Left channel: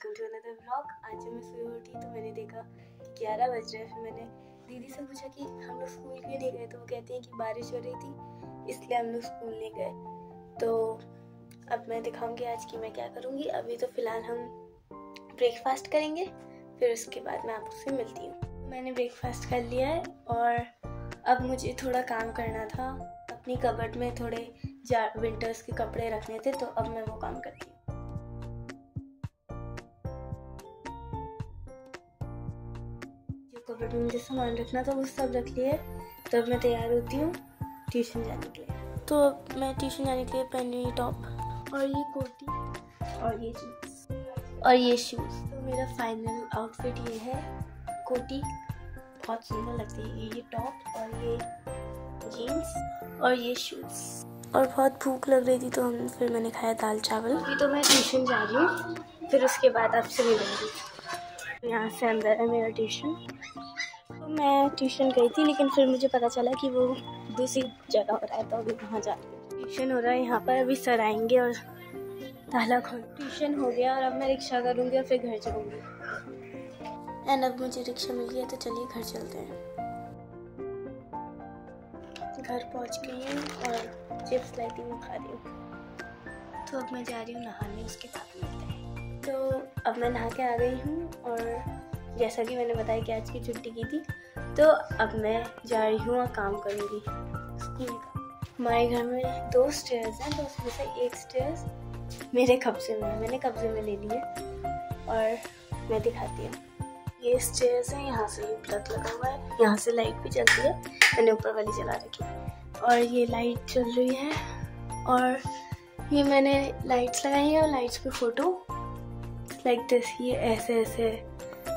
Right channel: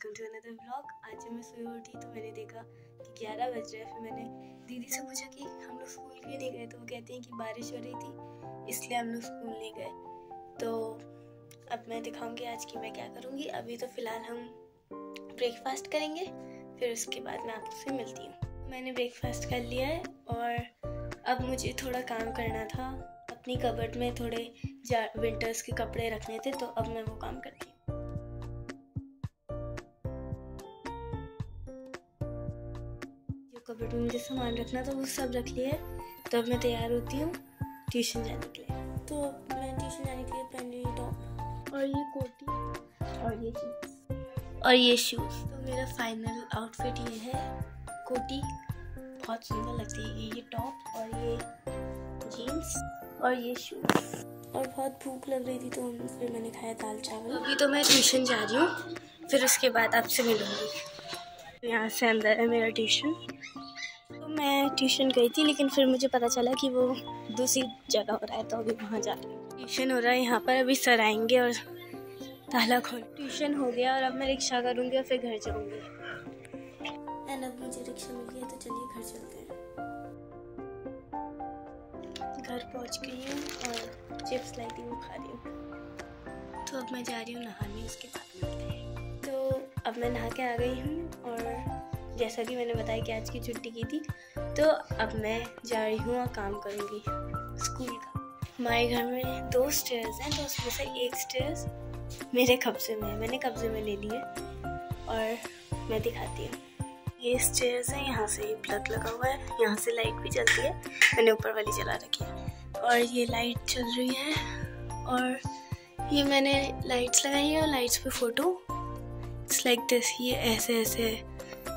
Welcome to another vlog. आज जब मैं सुबह उठी तो मैंने देखा कि 11 बज रहे हैं। फिर मैंने दीदी से पूछा कि हम लोग स्कूल क्यों नहीं गए, तो वो कहती हैं कि बारिश हो रही थी इसलिए हम लोग स्कूल नहीं गए। तो अब मैं दिखाऊंगी आज की मैं क्या करूँगी। अभी तो फ़िलहाल हम ब्रेकफास्ट करेंगे, फिर उसके बाद मैं आपसे मिलती हूँ। मैंने ब्रेकफास्ट कर लिया है और अब मुझे थोड़ा काम करना था। अपनी कबर्ड में थोड़े विंटर्स के कपड़े रखने थे, तो अब मैं वो काम करती हूँ। कबर्ड में मुझे सामान रखना था वो सब रख लिया है। तो अब मैं तैयार होती हूँ ट्यूशन जाने के लिए। तो मैं ट्यूशन जाने के लिए पहन रही हूँ टॉप और ये कोटी और ये जीन्स और ये शूज़। तो मेरा फाइनल आउटफिट ये है। कोटी बहुत सुंदर लगती है, ये टॉप और ये जीन्स और ये शूज़। और बहुत भूख लग रही थी तो फिर मैंने खाया दाल चावल। अभी तो मैं ट्यूशन जा रही हूँ, फिर उसके बाद आपसे मिलूँगी। यहाँ से अंदर है मेरा ट्यूशन। तो मैं ट्यूशन गई थी, लेकिन फिर मुझे पता चला कि वो दूसरी जगह हो रहा है, तो अभी वहाँ जा रही हूँ। ट्यूशन हो रहा है यहाँ पर, अभी सर आएंगे और ताला खोल। ट्यूशन हो गया और अब मैं रिक्शा करूँगी और फिर घर जाऊँगी। एंड अब मुझे रिक्शा मिल गया, तो चलिए घर चलते हैं। घर पहुँच गई हैं और चिप्स लाई थी वो खा रही हूँ। तो अब मैं जा रही हूँ नहाने, उसके बाद मिलते हैं। तो अब मैं नहा के आ गई हूँ और जैसा कि मैंने बताया कि आज की छुट्टी की थी, तो अब मैं जा रही हूँ और काम करूँगी स्कूल का। हमारे घर में 2 स्टेयर्स हैं, तो उसमें से एक स्टेयर्स मेरे कब्जे में है, मैंने कब्जे में ले ली है और मैं दिखाती हूँ। ये स्टेयर्स है, यहाँ से प्लग लगा हुआ है, यहाँ से लाइट भी चलती है, मैंने ऊपर वाली चला रखी है और ये लाइट चल रही है। और ये मैंने लाइट्स लगाई है और लाइट्स पे फ़ोटो इट्स लाइक दिस। ये ऐसे ऐसे,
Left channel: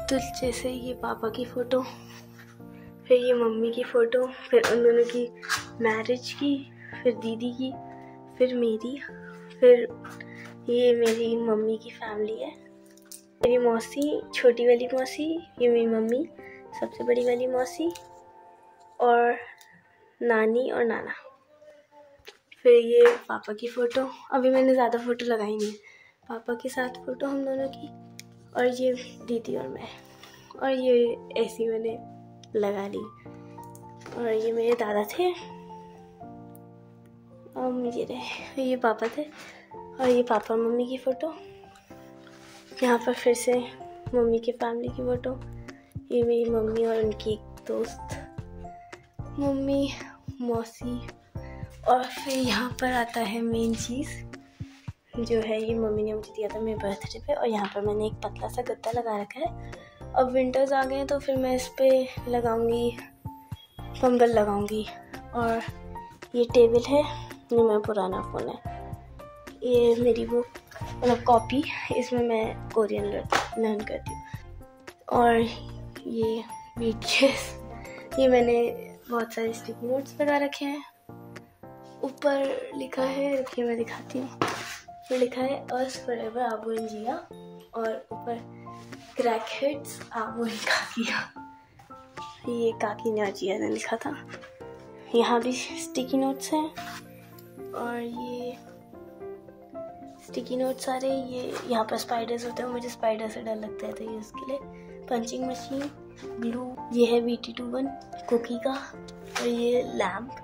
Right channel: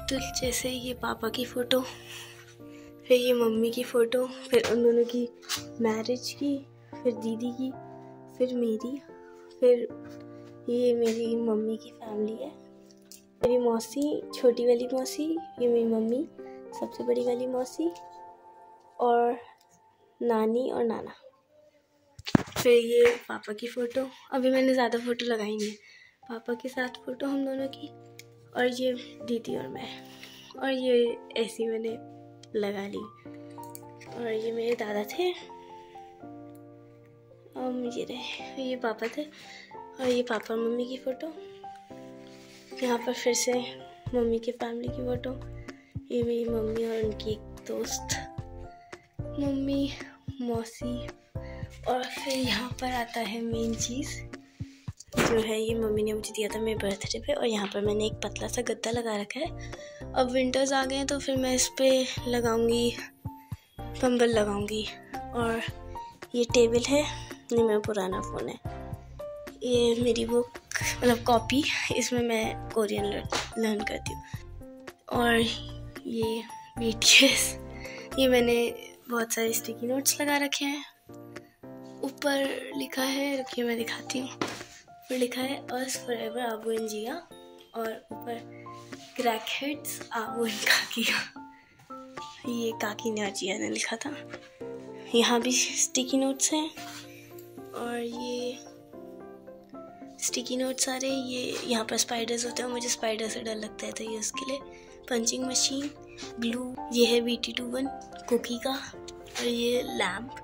तो जैसे ये पापा की फ़ोटो, फिर ये मम्मी की फ़ोटो, फिर उन दोनों की मैरिज की, फिर दीदी की, फिर मेरी, फिर ये मेरी मम्मी की फैमिली है। मेरी मौसी, छोटी वाली मौसी, ये मेरी मम्मी, सबसे बड़ी वाली मौसी और नानी और नाना। फिर ये पापा की फ़ोटो, अभी मैंने ज़्यादा फ़ोटो लगाई नहीं है। पापा के साथ फ़ोटो हम दोनों की, और ये दीदी और मैं, और ये ऐसी मैंने लगा ली। और ये मेरे दादा थे और मुझे रहे, ये पापा थे और ये पापा और मम्मी की फ़ोटो। यहाँ पर फिर से मम्मी की फैमिली की फ़ोटो, ये मेरी मम्मी और उनकी एक दोस्त, मम्मी, मौसी। और फिर यहाँ पर आता है मेन चीज़, जो है ये मम्मी ने मुझे दिया था मेरे बर्थडे पे, और यहाँ पर मैंने एक पतला सा गद्दा लगा रखा है। अब विंटर्स आ गए हैं तो फिर मैं इस पर लगाऊंगी, कंबल लगाऊंगी। और ये टेबल है, ये मेरा पुराना फ़ोन है, ये मेरी बुक मतलब कॉपी, इसमें मैं कोरियन लर्न करती हूँ। और ये BTS, ये मैंने बहुत सारे स्टिकी नोट्स लगा रखे हैं। ऊपर लिखा है, रुकिए मैं दिखाती हूँ, ऊपर लिखा है अस फॉरएवर आबू एंड जिया, और ऊपर क्रैकहेड्स आबू एंड काकिया, ये काकी ने और जिया ने लिखा था। यहाँ भी स्टिकी नोट्स हैं और ये स्टिकी नोट्स सारे, ये यहाँ पर स्पाइडर्स होते हैं, मुझे स्पाइडर से डर लगता है, तो ये उसके लिए पंचिंग मशीन, ग्लू, ये है BT21 कुकी का, और ये लैम्प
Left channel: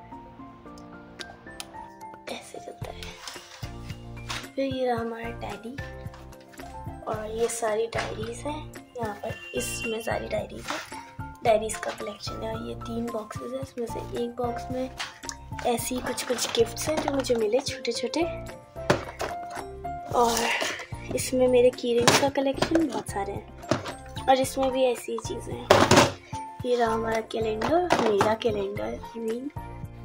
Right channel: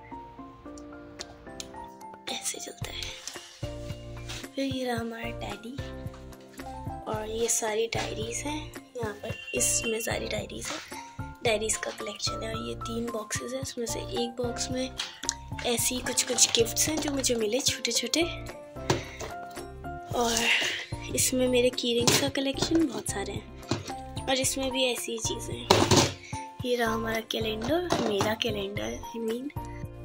ऐसे चलता है। फिर ये रहा हमारा डायरी, और ये सारी डायरीज हैं यहाँ पर, इसमें सारी डायरीज हैं, डायरीज का कलेक्शन है। और ये 3 बॉक्सेस हैं, उसमें से एक बॉक्स में ऐसी कुछ गिफ्ट्स हैं जो मुझे मिले, छोटे छोटे। और इसमें मेरे कीरिंग्स का कलेक्शन बहुत सारे हैं, और इसमें भी ऐसी चीज़ें हैं। ये रहा हमारा कैलेंडर, मेरा कैलेंडर आई मीन।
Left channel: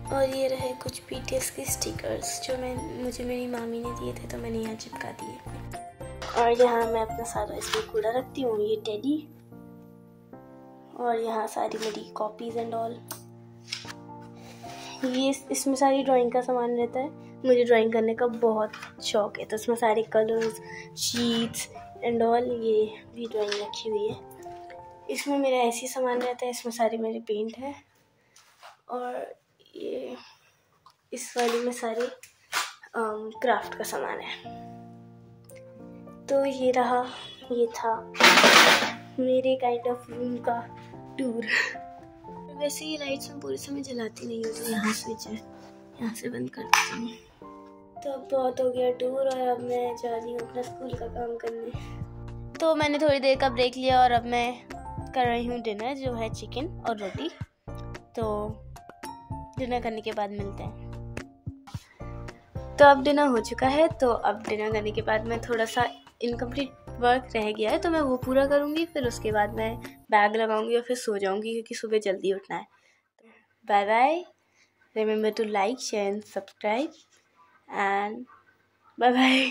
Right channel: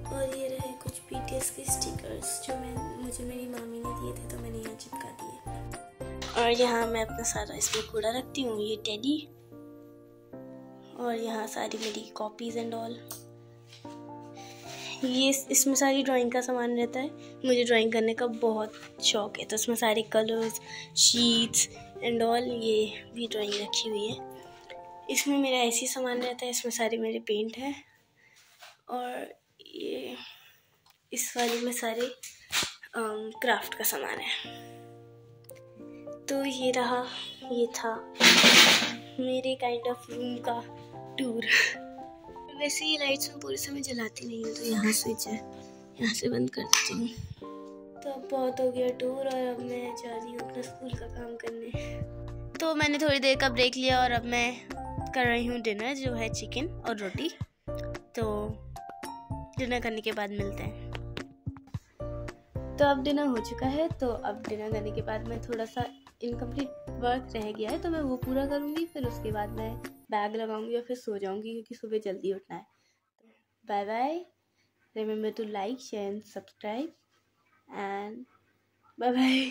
और ये रहे कुछ BTS के स्टिकर्स जो मुझे मेरी मामी ने दिए थे, तो मैंने यहाँ चिपका दिए। और यहाँ मैं अपना सारा इसमें कूड़ा रखती हूँ, ये टेडी, और यहाँ सारी मेरी कॉपीज़ एंड ऑल। ये इसमें सारी ड्राइंग का सामान रहता है, मुझे ड्राइंग करने का बहुत शौक है, तो इसमें सारे कलर्स, शीट्स एंड ऑल, ये भी ड्राइंग रखी हुई है। इसमें मेरा ऐसी सामान रहता है, इसमें सारे मेरे पेंट है। और ये इस वाले में सारे क्राफ्ट का सामान है। तो ये रहा ये था मेरे काइंड ऑफ रूम का टूर। वैसे ये लाइट्स मैं पूरे समय जलाती नहीं हूँ, तो यहाँ स्विच है, यहाँ से बंद कर देती हूँ। तो अब बहुत हो गया टूर और अब मैं जा रही हूँ अपना स्कूल का काम करने। तो मैंने थोड़ी देर का ब्रेक लिया और अब मैं कर रही हूँ डिनर, जो है चिकन और रोटी। तो डिनर करने के बाद मिलते हैं। तो अब डिनर हो चुका है, तो अब डिनर करने के बाद मैं थोड़ा सा इनकम्प्लीट वर्क रह गया है तो मैं वो पूरा करूँगी, फिर उसके बाद मैं बैग लगाऊंगी और फिर सो जाऊंगी क्योंकि सुबह जल्दी उठना है। Bye bye, remember to like, share and subscribe and bye bye.